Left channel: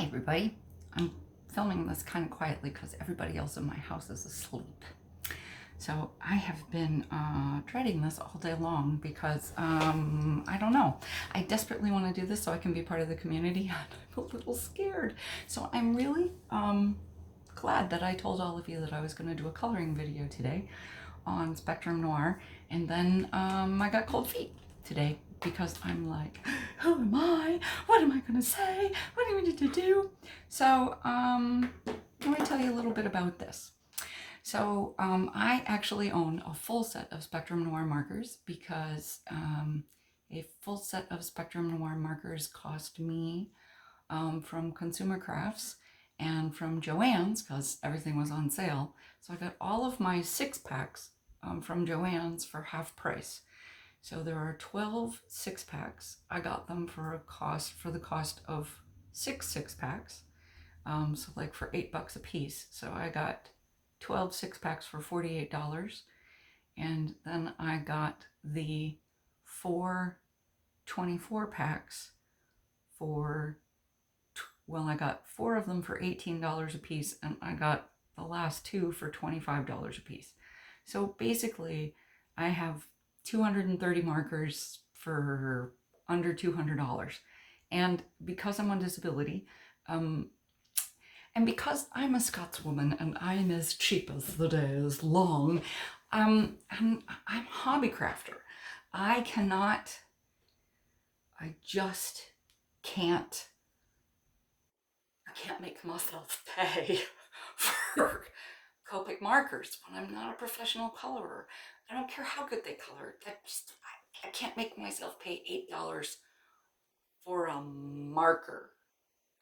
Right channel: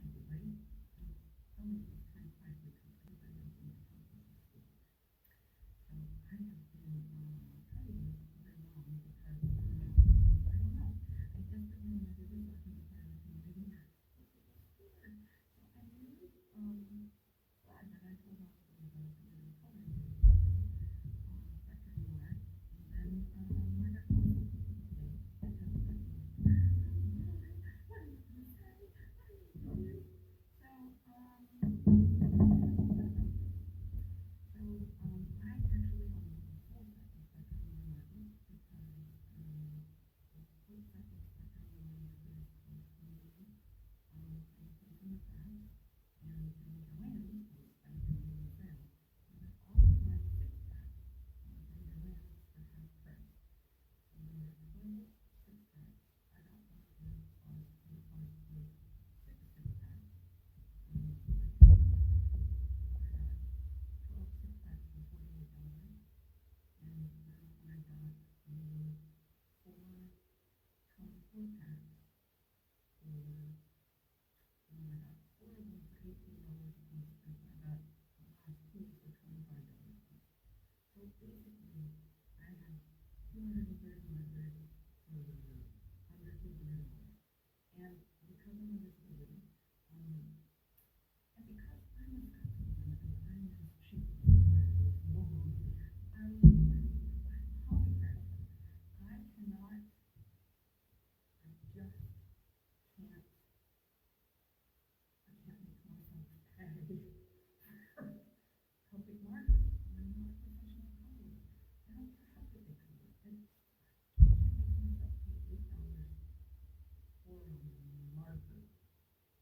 Hi everybody. I'm filming this kind of quietly because everybody else in my house is asleep. So I have been dreading this all day long because I don't know. I desperately want to do this so I can be part of the community. I'm a little scared. So I'm really glad that I told all of you that I was going to do a coloring video today on Spectrum Noir, and then I got cold feet today because I'm like, who am I? What am I gonna say? What do we need to do? So let me tell you a little bit about this. So I actually own a full set of Spectrum Noir markers because a full set of Spectrum Noir markers cost me from Consumer Crafts and from Joann's because everything was on sale. So I got all of my 6-packs from Joann's for half price. So there are 12 6-packs. I got them for the cost of 6 6-packs. So like for $8 a piece. So I got 12 6-packs for $48. And then I got the 4 24-packs for, well, I got 4 of them for $18 a piece, and I got the last 2 for $25 a piece. So basically I have 230 markers for under $200. And because I'm on disability, and because I'm a Scotswoman and I'm as cheap as the day is long, I'm a hobby crafter. I just can't make myself pay for Copic markers when I'm not a professional colorer. I don't care how good they color. I can't make myself pay $8 for a marker.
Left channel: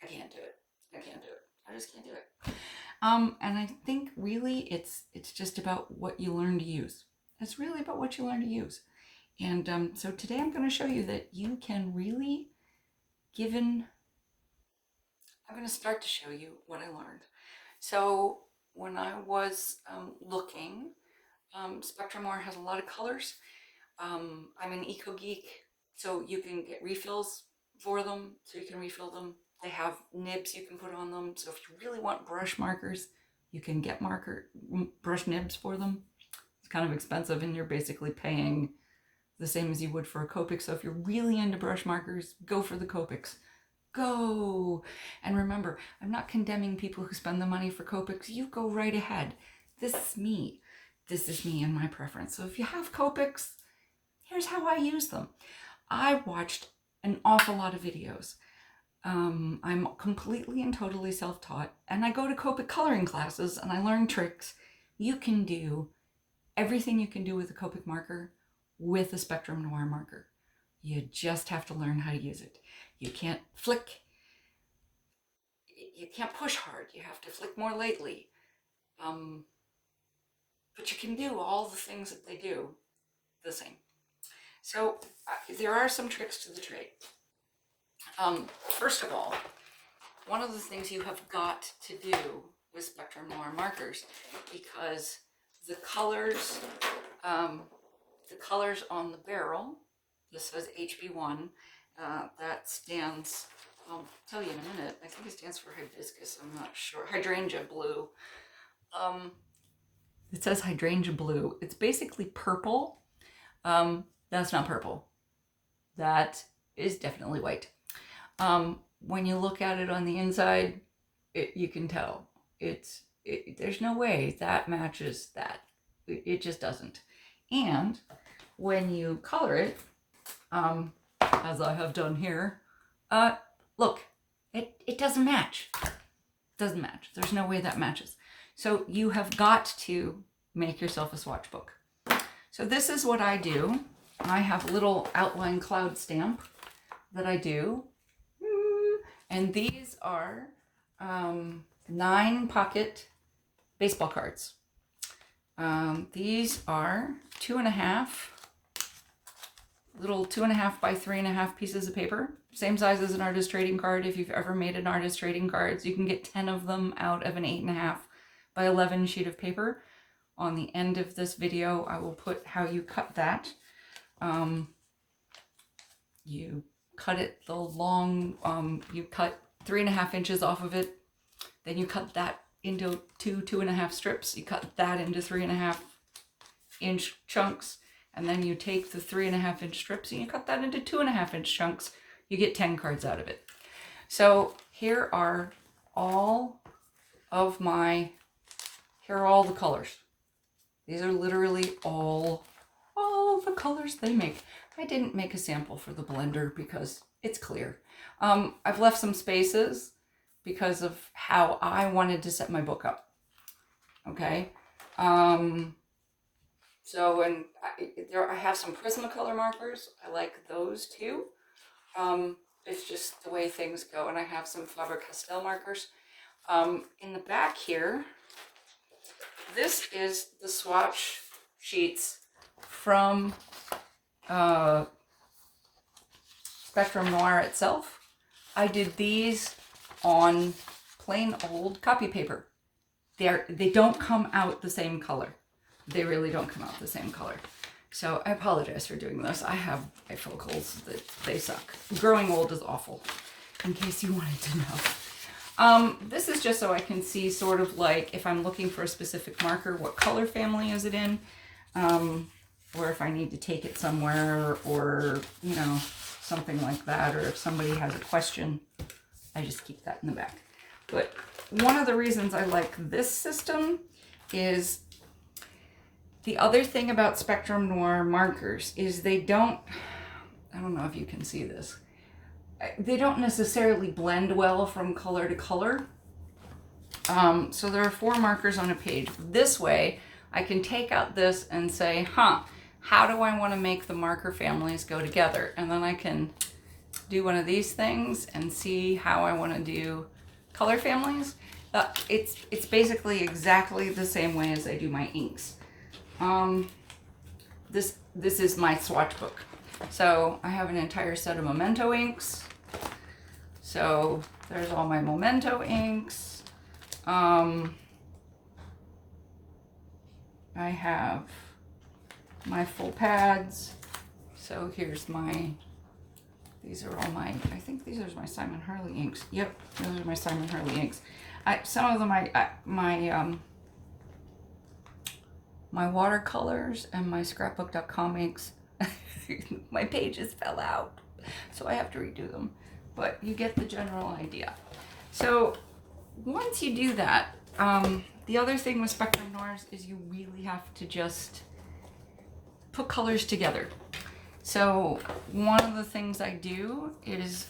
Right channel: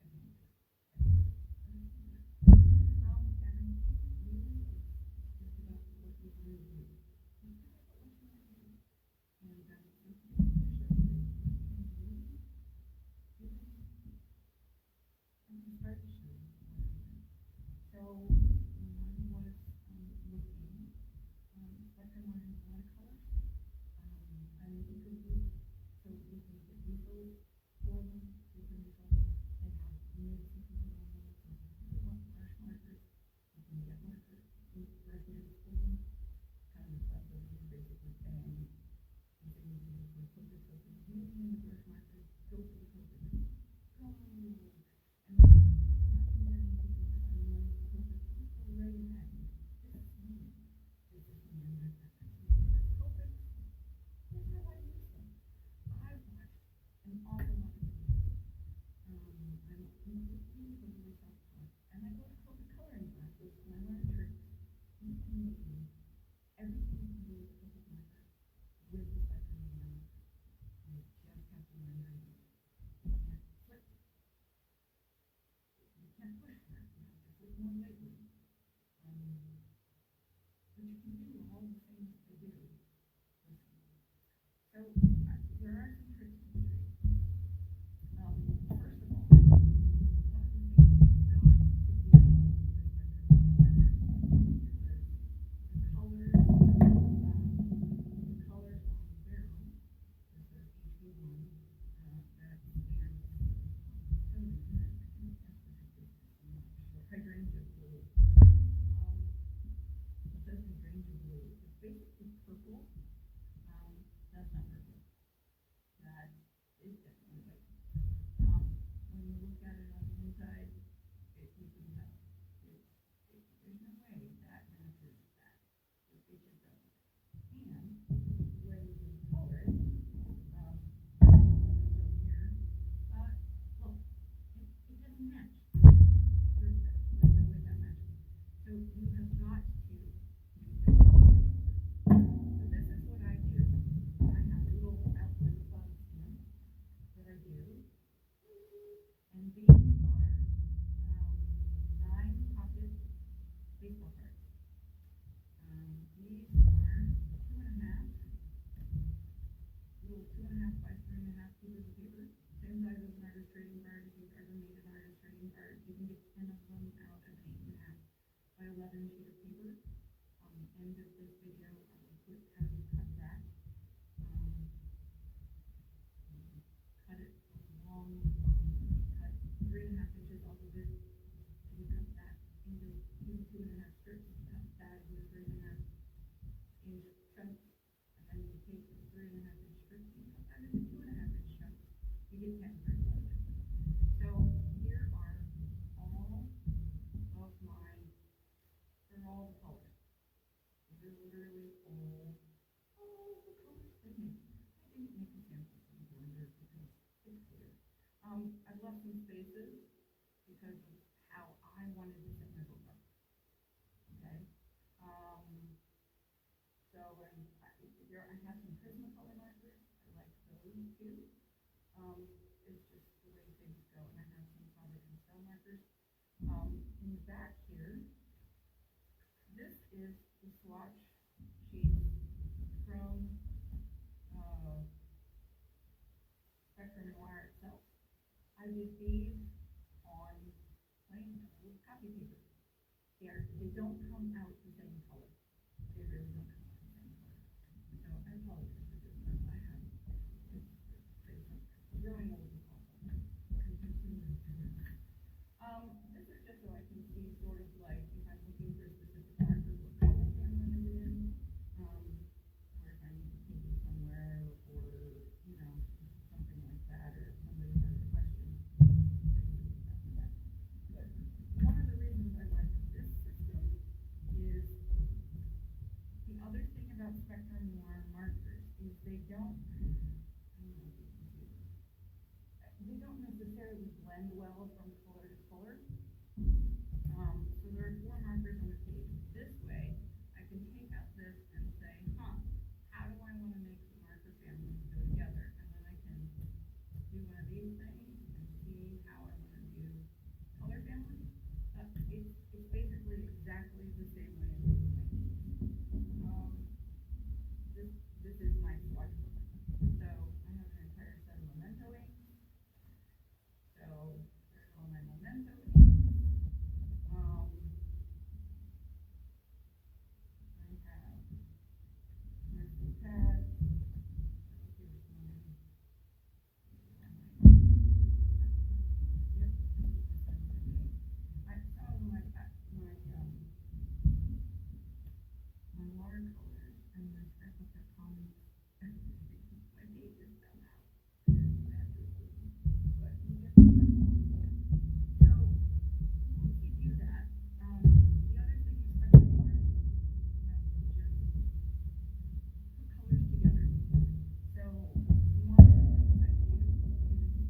I can't do it. I just can't do it. And I think really it's just about what you learn to use. It's really about what you learn to use. And so today I'm going to show you that you can really, I'm going to start to show you what I learned. So when I was looking, Spectrum Noir has a lot of colors. I'm an eco geek, so you can get refills for them, so you can refill them. They have nibs you can put on them, so if you really want brush markers, you can get brush nibs for them. It's kind of expensive, and you're basically paying the same as you would for a Copic. So if you're really into brush markers, go for the Copics. Go! And remember, I'm not condemning people who spend the money for Copics. You go right ahead. This is me and my preference. So if you have Copics, here's how I use them. I watched an awful lot of videos. I'm completely and totally self-taught, and I go to Copic coloring classes and I learn tricks. You can do everything you can do with a Copic marker with a Spectrum Noir marker. You just have to learn how to use it. You can't flick. You can't push hard. You have to flick more lightly. But you can do all the things that they do the same. So there are some tricks to the trade. First of all, one of the things you have got to do with Spectrum Noir markers, because the colors on the barrel, this says HB1, that stands, I'll tell you in a minute, I think it stands for hibiscus, I'm not sure, hydrangea blue. It says hydrangea blue. It's basically purple. That's not purple. That is definitely white. When you look at it on the inside, you can tell. There's no way that matches that. It just doesn't. And when you color it, as I have done here, look, it doesn't match. It doesn't match. There's no way that matches. So you have got to make yourself a swatch book. So this is what I do. I have a little outline cloud stamp that I do. And these are 9-pocket baseball cards. These are 2.5 by 3.5 pieces of paper. Same size as an artist trading card. If you've ever made an artist trading cards, you can get 10 of them out of an 8.5 by 11 sheet of paper. On the end of this video, I will put how you cut that. You cut it the long, you cut 3.5 inches off of it. Then you cut that into 2.5 strips. You cut that into 3.5 inch chunks. And then you take the 3.5 inch strips and you cut that into 2.5 inch chunks. You get 10 cards out of it. So here are all the colors. These are literally all the colors they make. I didn't make a sample for the blender because it's clear. I've left some spaces because of how I wanted to set my book up. Okay. So, and I have some Prismacolor markers. I like those too. It's just the way things go. And I have some Faber-Castell markers. In the back here, this is the swatch sheets from Spectrum Noir itself. I did these on plain old copy paper. They don't come out the same color. They really don't come out the same color. So I apologize for doing this. I have bifocals that they suck. Growing old is awful, in case you wanted to know. This is just so I can see sort of like if I'm looking for a specific marker, what color family is it in? Or if I need to take it somewhere or, you know, something like that. Or if somebody has a question, I just keep that in the back. But one of the reasons I like this system is the other thing about Spectrum Noir markers is I don't know if you can see this. They don't necessarily blend well from color to color. So there are 4 markers on a page. This way, I can take out this and say, how do I want to make the marker families go together? And then I can do one of these things and see how I want to do color families. It's basically exactly the same way as I do my inks. This is my swatch book. So I have an entire set of Memento inks. So there's all my Memento inks. I have my full pads. So here's these are all my, I think these are my Simon Harley inks. Yep, those are my Simon Harley inks. Some of them, my watercolors and my scrapbook.com inks, my pages fell out, so I have to redo them. But you get the general idea. So once you do that, the other thing with Spectrum Noirs is you really have to just put colors together. So one of the things I do is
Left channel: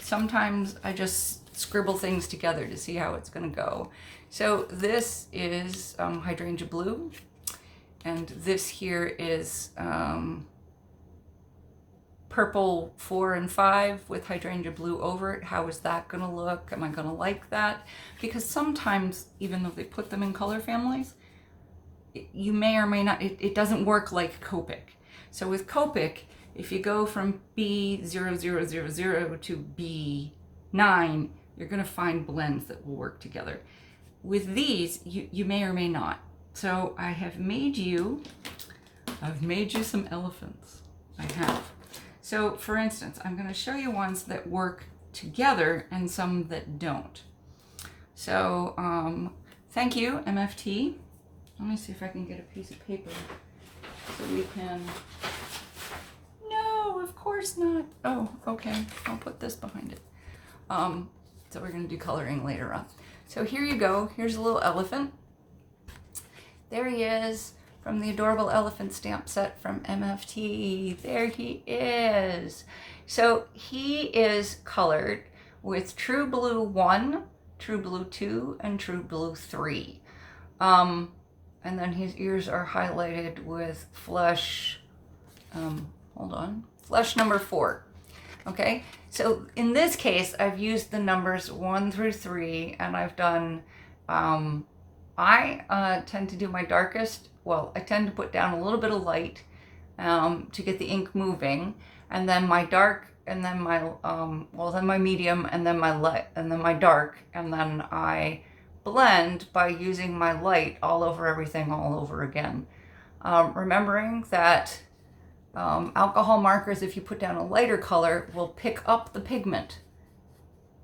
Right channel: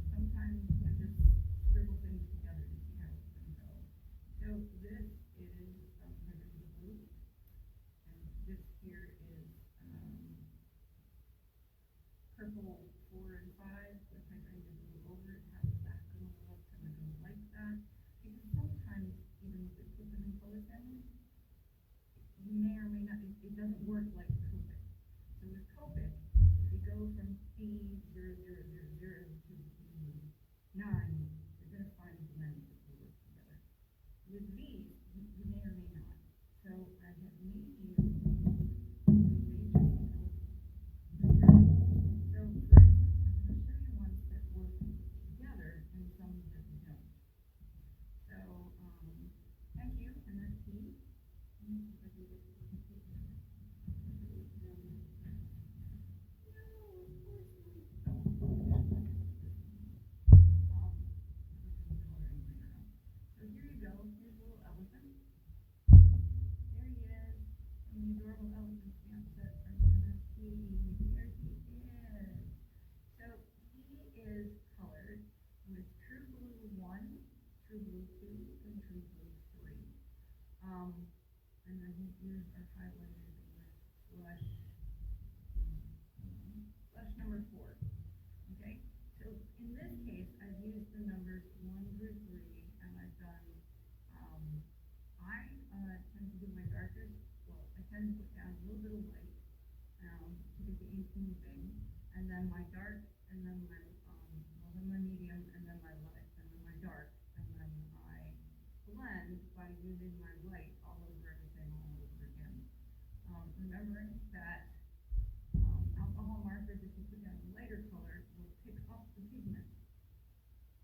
sometimes I just scribble things together to see how it's going to go. So this is hydrangea blue, and this here is purple 4 and 5 with hydrangea blue over it. How is that going to look? Am I going to like that? Because sometimes, even though they put them in color families, you may or may not, it doesn't work like Copic. So with Copic, if you go from B0000 to B9, you're going to find blends that will work together. With these, you may or may not. So I've made you some elephants. I have. So for instance, I'm going to show you ones that work together and some that don't. So thank you, MFT. Let me see if I can get a piece of paper so we can. No, of course not. Oh, okay. I'll put this behind it. So we're going to do coloring later on. So here you go. Here's a little elephant. There he is from the Adorable Elephant stamp set from MFT. There he is. So he is colored with True Blue 1, True Blue 2, and True Blue 3. And then his ears are highlighted with Flesh, Flesh number 4. Okay, so in this case, I've used the numbers 1 through 3, and I've done, I tend to do my darkest, I tend to put down a little bit of light to get the ink moving, and then my dark, and then my, then my medium, and then my light, and then my dark, and then I blend by using my light all over everything all over again. Remembering that alcohol markers, if you put down a lighter color, will pick up the pigment.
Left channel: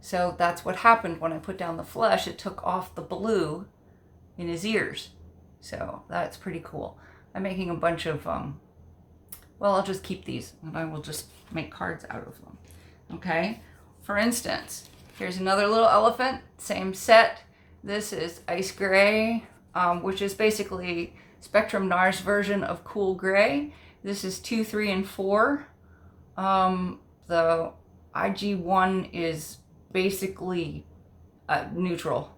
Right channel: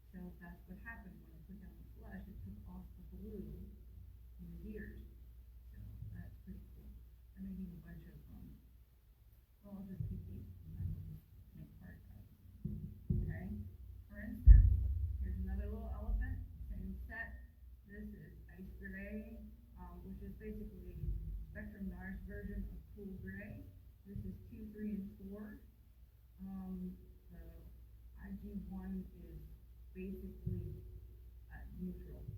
So that's what happened when I put down the flesh. It took off the blue in his ears. So that's pretty cool. I'm making a bunch of, well, I'll just keep these and I will just make cards out of them. Okay? For instance, here's another little elephant, same set. This is Ice Gray, which is basically Spectrum Noir's version of Cool Gray. This is 2, 3, and 4. The IG1 is basically neutral,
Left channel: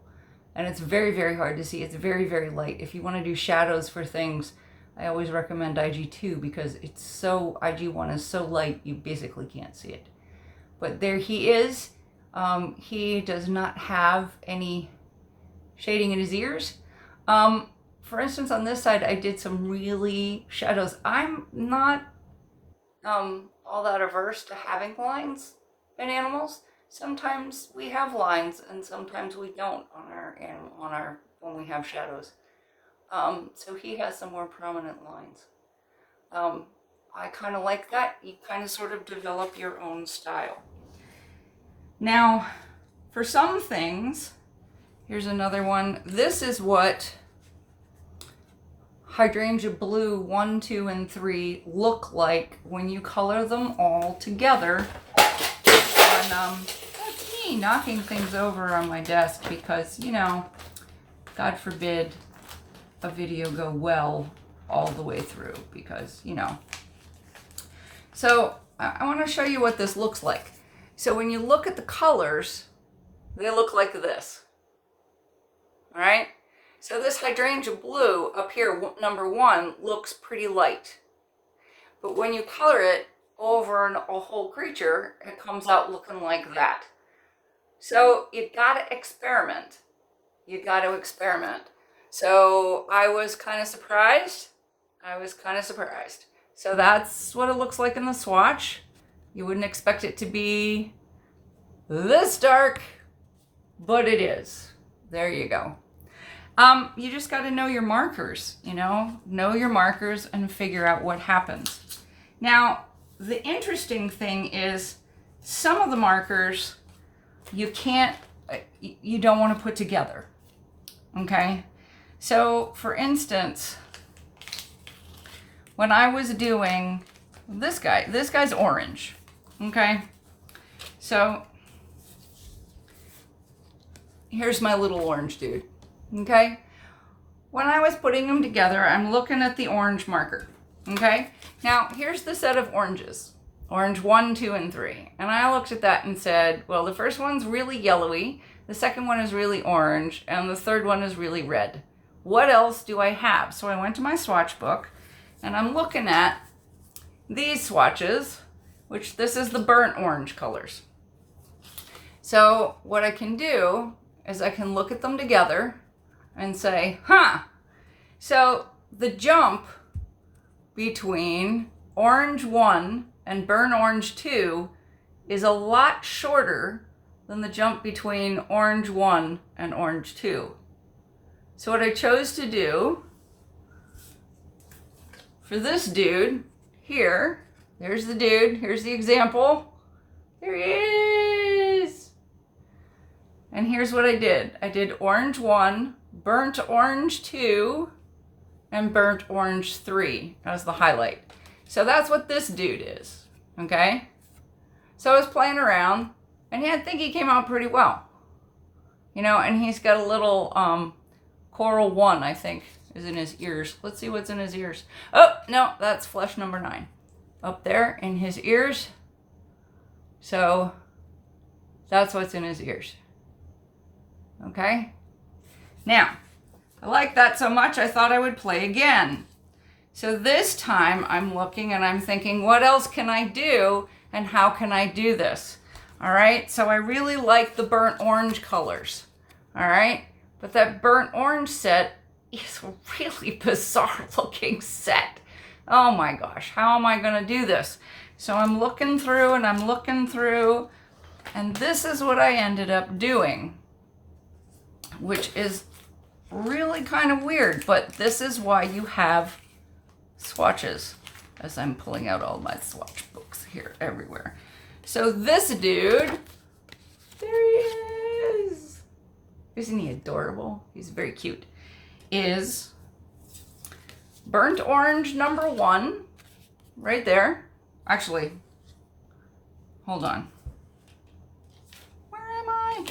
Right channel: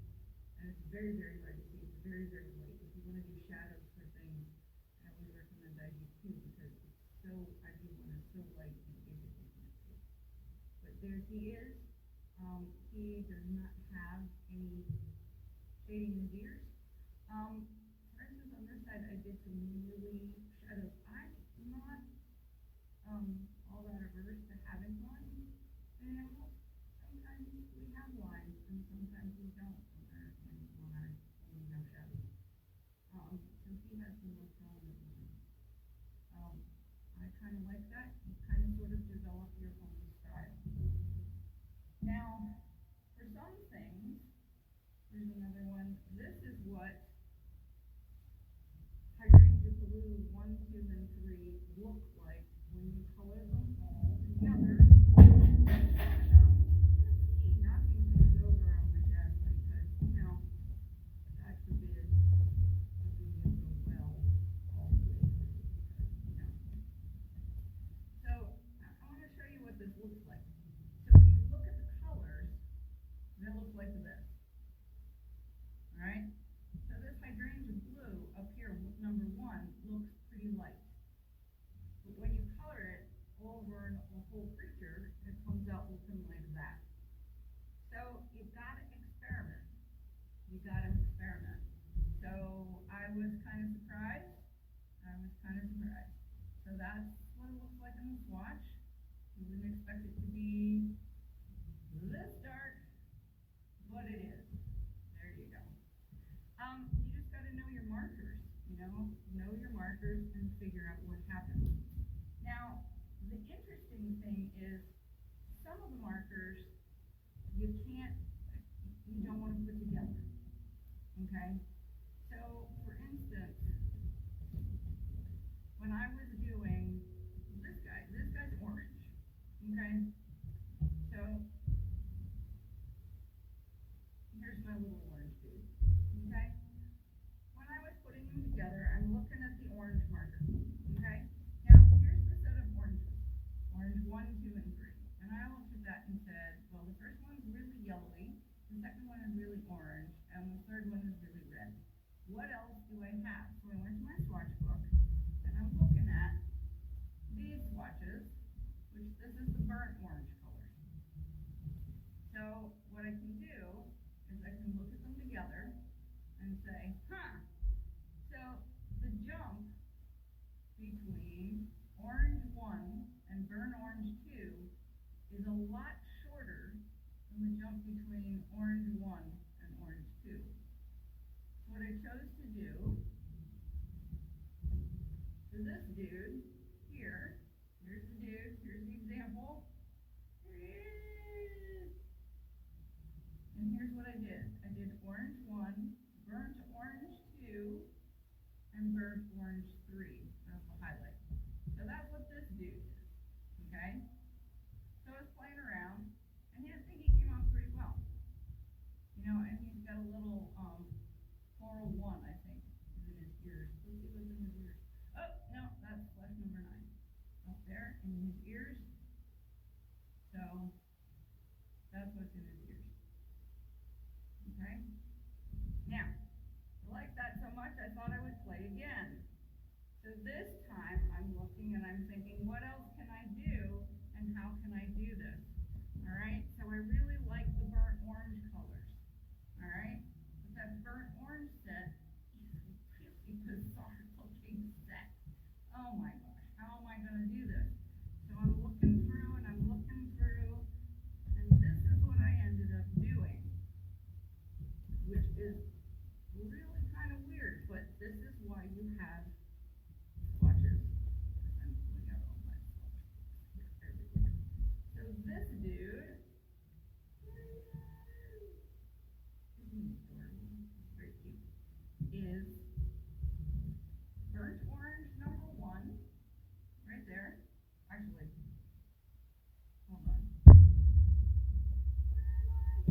and it's very, very hard to see. It's very, very light. If you want to do shadows for things, I always recommend IG2 because it's so, IG1 is so light you basically can't see it. But there he is. He does not have any shading in his ears. For instance, on this side, I did some really shadows. I'm not all that averse to having lines in animals. Sometimes we have lines and sometimes we don't on our when we have shadows. So he has some more prominent lines. I kind of like that. You kind of sort of develop your own style. Now, for some things, here's another one. This is what Hydrangea Blue 1, 2, and 3 look like when you color them all together. And that's me knocking things over on my desk because, you know, God forbid a video go well all the way through because, you know. So I want to show you what this looks like. So when you look at the colors, they look like this. All right? So this Hydrangea Blue up here, number 1, looks pretty light. But when you color it over a whole creature, it comes out looking like that. So you gotta experiment. You gotta experiment. So I was kind of surprised. So that's what it looks like in the swatch. You wouldn't expect it to be this dark, but it is. There you go. You just got to know your markers, know your markers and figure out what happens. Now, the interesting thing is some of the markers you don't want to put together, okay? So, for instance, when I was doing this guy's orange, okay? So, here's my little orange dude. Okay, when I was putting them together, I'm looking at the orange marker. Okay, now here's the set of oranges, orange 1, 2, and 3. And I looked at that and said, well, the first one's really yellowy, the second one is really orange, and the third one is really red. What else do I have? So I went to my swatch book and I'm looking at these swatches, which this is the burnt orange colors. So what I can do is I can look at them together and say, so the jump between orange 1 and burnt orange 2 is a lot shorter than the jump between orange 1 and orange 2. So what I chose to do for this dude here, there's the dude, here's the example, there he is. And here's what I did. I did orange 1, burnt orange 2, and burnt orange 3 as the highlight. So that's what this dude is, okay? So I was playing around, and I think he came out pretty well. And he's got a little coral 1, I think, is in his ears. Let's see what's in his ears. Oh, no, that's flesh number 9. Up there in his ears. So that's what's in his ears. Okay? Now, I like that so much, I thought I would play again. So this time I'm looking and I'm thinking, what else can I do and how can I do this? All right, so I really like the burnt orange colors. All right, but that burnt orange set is a really bizarre looking set. Oh my gosh, how am I gonna do this? So I'm looking through and I'm looking through, and this is what I ended up doing, which is really kind of weird, but this is why you have swatches, as I'm pulling out all my swatch books here everywhere. So this dude, there he isn't he adorable? He's very cute. Is burnt orange number 1, right there. Actually, hold on. Where am I?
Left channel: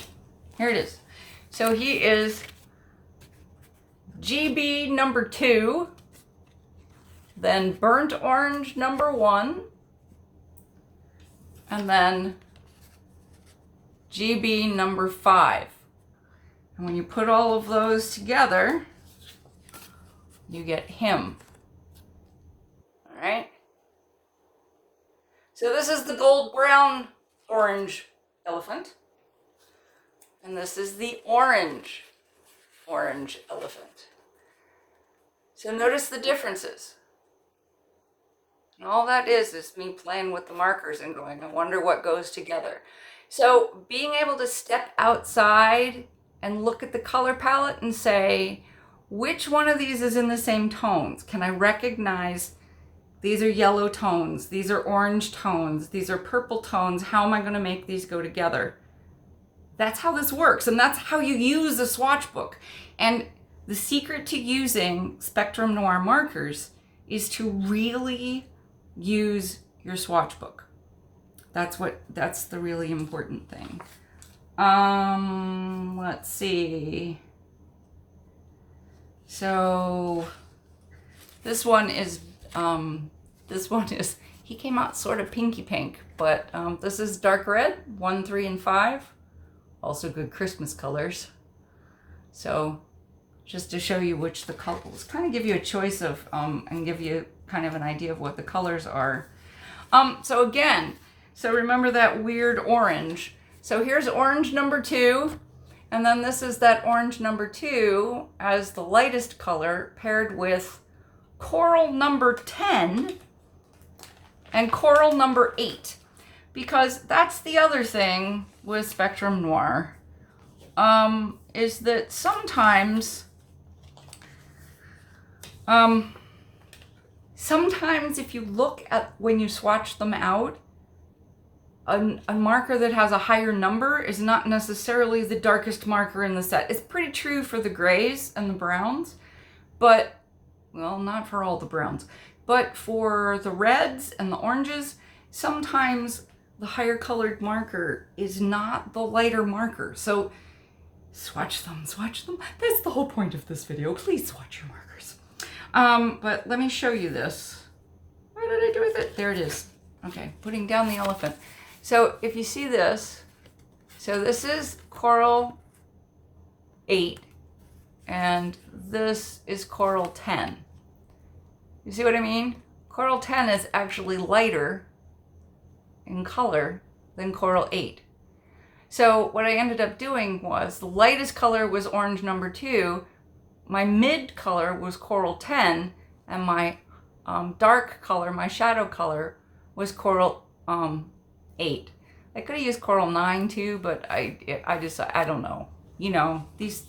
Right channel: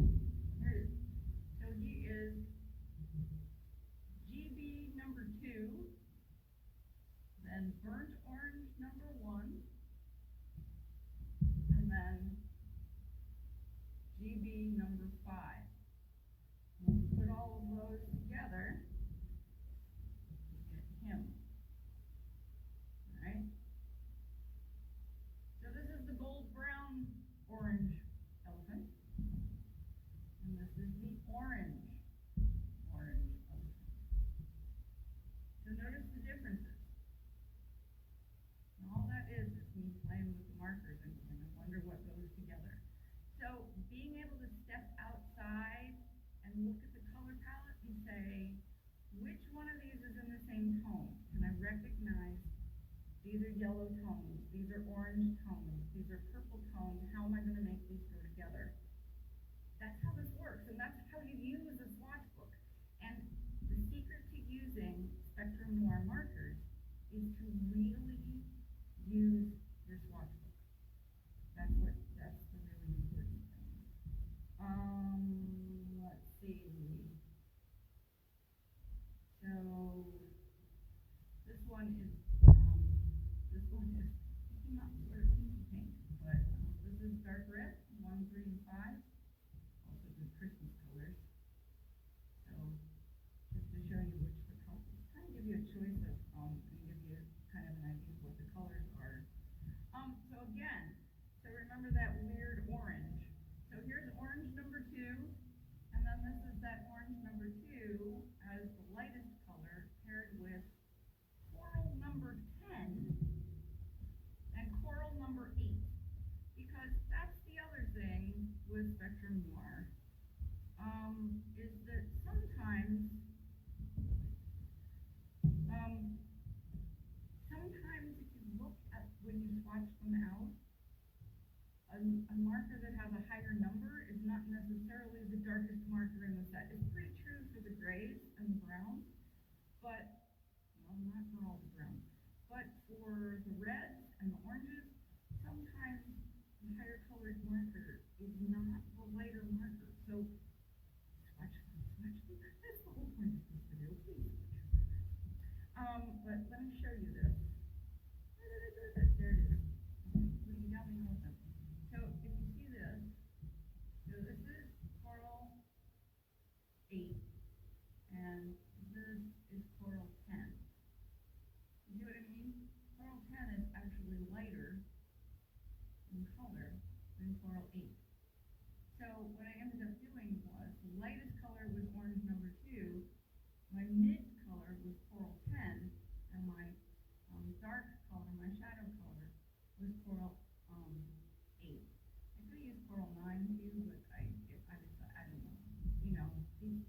Here it is. So he is GB number 2, then burnt orange number 1, and then GB number 5. And when you put all of those together, you get him. All right? So this is the gold, brown, orange elephant. And this is the orange elephant. So notice the differences. And all that is me playing with the markers and going, I wonder what goes together. So being able to step outside and look at the color palette and say, which one of these is in the same tones? Can I recognize these are yellow tones, these are orange tones, these are purple tones? How am I going to make these go together? That's how this works, and that's how you use a swatch book. And the secret to using Spectrum Noir markers is to really use your swatch book. That's the really important thing. Let's see. So this one is he came out sort of pinky pink, but this is dark red, 1, 3, and 5. Also good Christmas colors. So just to show you which the colors, kind of give you a choice of and give you kind of an idea of what the colors are. So remember that weird orange. So here's orange number 2, and then this is that orange number 2 as the lightest color paired with coral number 10 and coral number 8. Because that's the other thing with Spectrum Noir, is that sometimes if you look at when you swatch them out, a marker that has a higher number is not necessarily the darkest marker in the set. It's pretty true for the grays and the browns, but, well, not for all the browns, but for the reds and the oranges, sometimes the higher colored marker is not the lighter marker. So swatch them. That's the whole point of this video. Please swatch your markers. But let me show you this. What did I do with it? There it is. Okay, putting down the elephant. So if you see this, so this is coral 8, and this is coral 10. You see what I mean? Coral 10 is actually lighter in color than coral 8. So what I ended up doing was the lightest color was orange number 2, my mid color was coral 10, and my dark color, my shadow color, was coral 8. I could have used coral 9 too, but I don't know. You know, these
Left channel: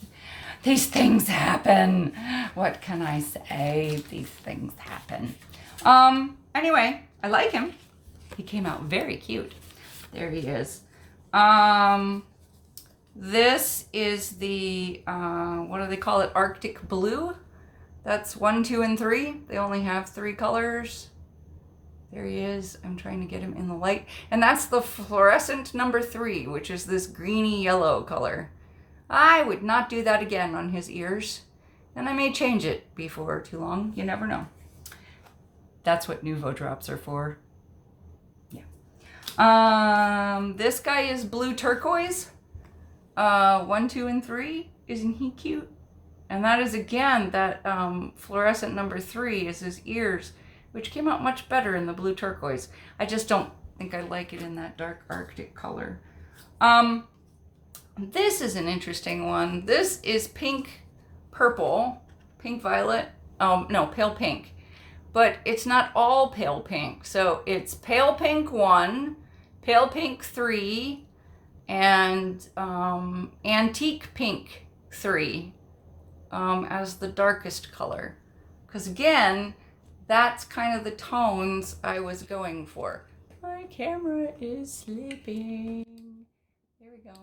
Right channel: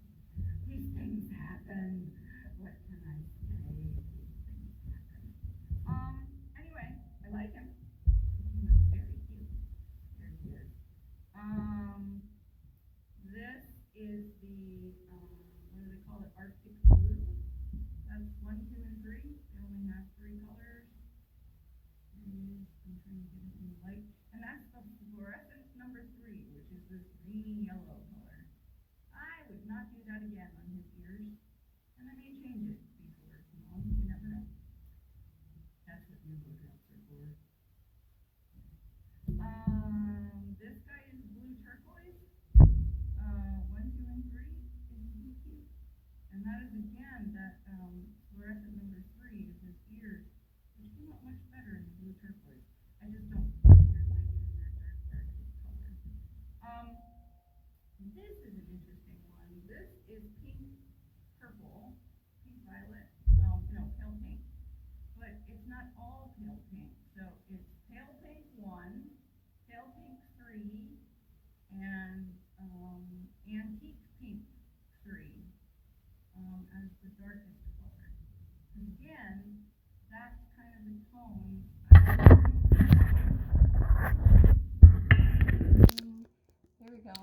things happen. What can I say? These things happen. Anyway, I like him. He came out very cute. There he is. This is the, what do they call it? Arctic blue. That's 1, 2, and 3. They only have 3 colors. There he is. I'm trying to get him in the light. And that's the fluorescent number 3, which is this greeny yellow color. I would not do that again on his ears. And I may change it before too long. You never know. That's what Nuvo drops are for. Yeah. This guy is blue turquoise. 1, 2, and 3. Isn't he cute? And that is, again, that fluorescent number 3 is his ears, which came out much better in the blue turquoise. I just don't think I like it in that dark Arctic color. This is an interesting one. This is pink purple, pink violet. No, pale pink. But it's not all pale pink. So it's pale pink 1, pale pink 3, and antique pink 3 as the darkest color. Because again, that's kind of the tones I was going for. My camera is sleeping. There we go.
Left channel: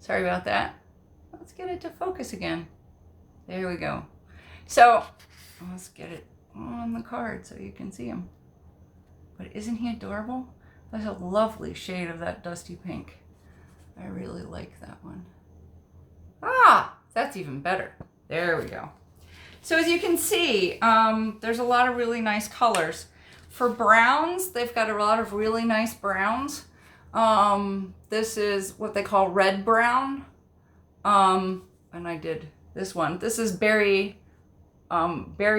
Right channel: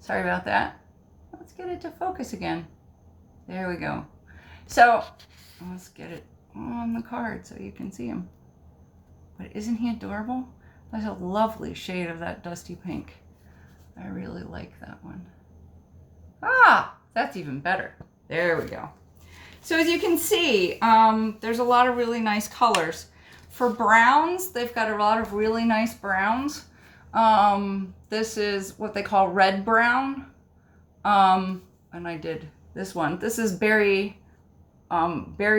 Sorry about that. Let's get it to focus again. There we go. So let's get it on the card so you can see him. But isn't he adorable? That's a lovely shade of that dusty pink. I really like that one. Ah, that's even better. There we go. So as you can see, there's a lot of really nice colors. For browns, they've got a lot of really nice browns. This is what they call red brown. And I did this one. This is Berry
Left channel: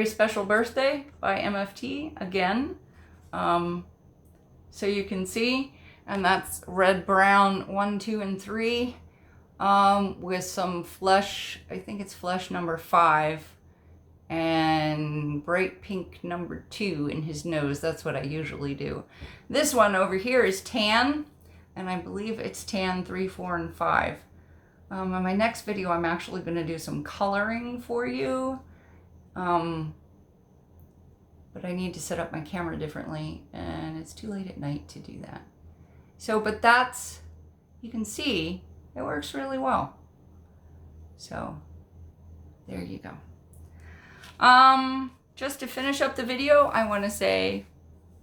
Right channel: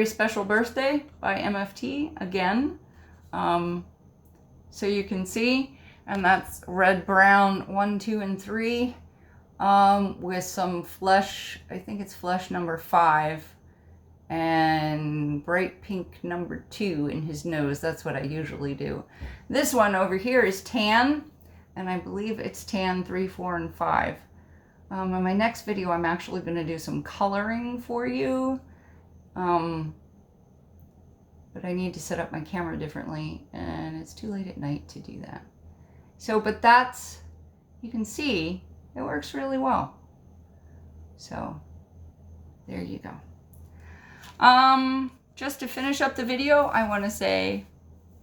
Special Birthday by MFT again. So you can see, and that's red, brown 1, 2, and 3, with some flesh, I think it's flesh number 5, and bright pink number 2 in his nose. That's what I usually do. This one over here is tan, and I believe it's tan 3, 4, and 5. In my next video, I'm actually going to do some coloring for you. But I need to set up my camera differently, and it's too late at night to do that. So, but that's, you can see, it works really well. So, there you go. Just to finish up the video, I want to say,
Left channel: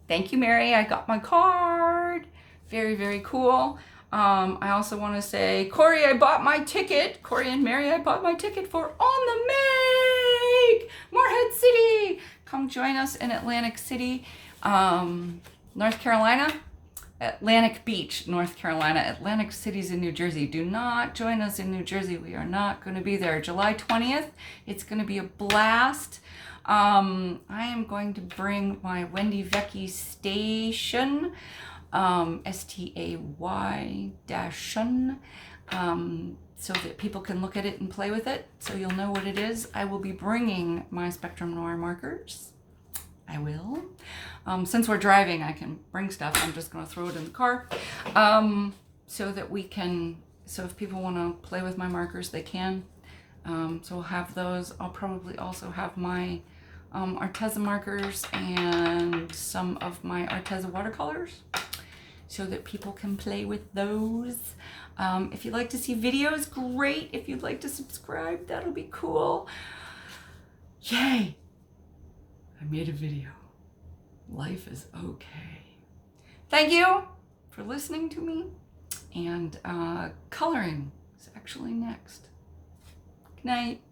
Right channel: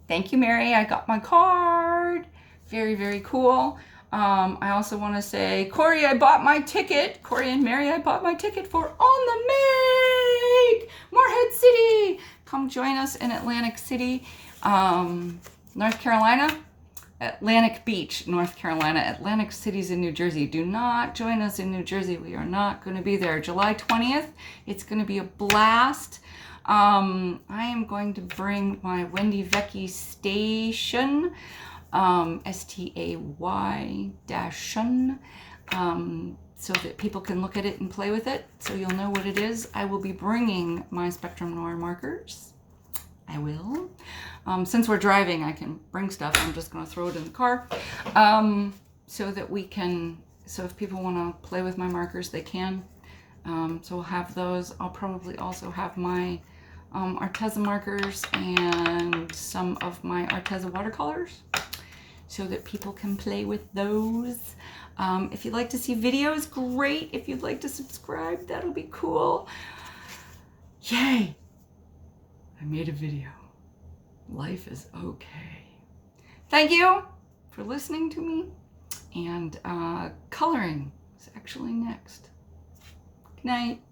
thank you, Mary. I got my card. Very, very cool. I also want to say, Corey, I bought my ticket. Corey and Mary, I bought my ticket for On the Make, Morehead City. Come join us in Atlantic City, North Carolina. Atlantic Beach, North Carolina. Atlantic City's in New Jersey. Do not join us in New Jersey. We are not going to be there. July 20th. It's going to be a blast. I am going to bring my Wendy Vecchi station, STAY-shun, so that people can look at it and play with it, so you'll know what it is. I will be bringing my Spectrum Noir markers. I will. Since we're driving, I can bring stuff. I'm just going to throw it in the car, so that we can, so if people want to play with my markers, they can. So we'll have those. I'll probably also have my Arteza markers and some of my Arteza watercolors, so that people can play with those. If you'd like to see videos, great. If you'd like to subscribe, that'll be cool. Yay! I made a video. Life is okay. Thank you for listening to me. And coloring is actually next. Good night.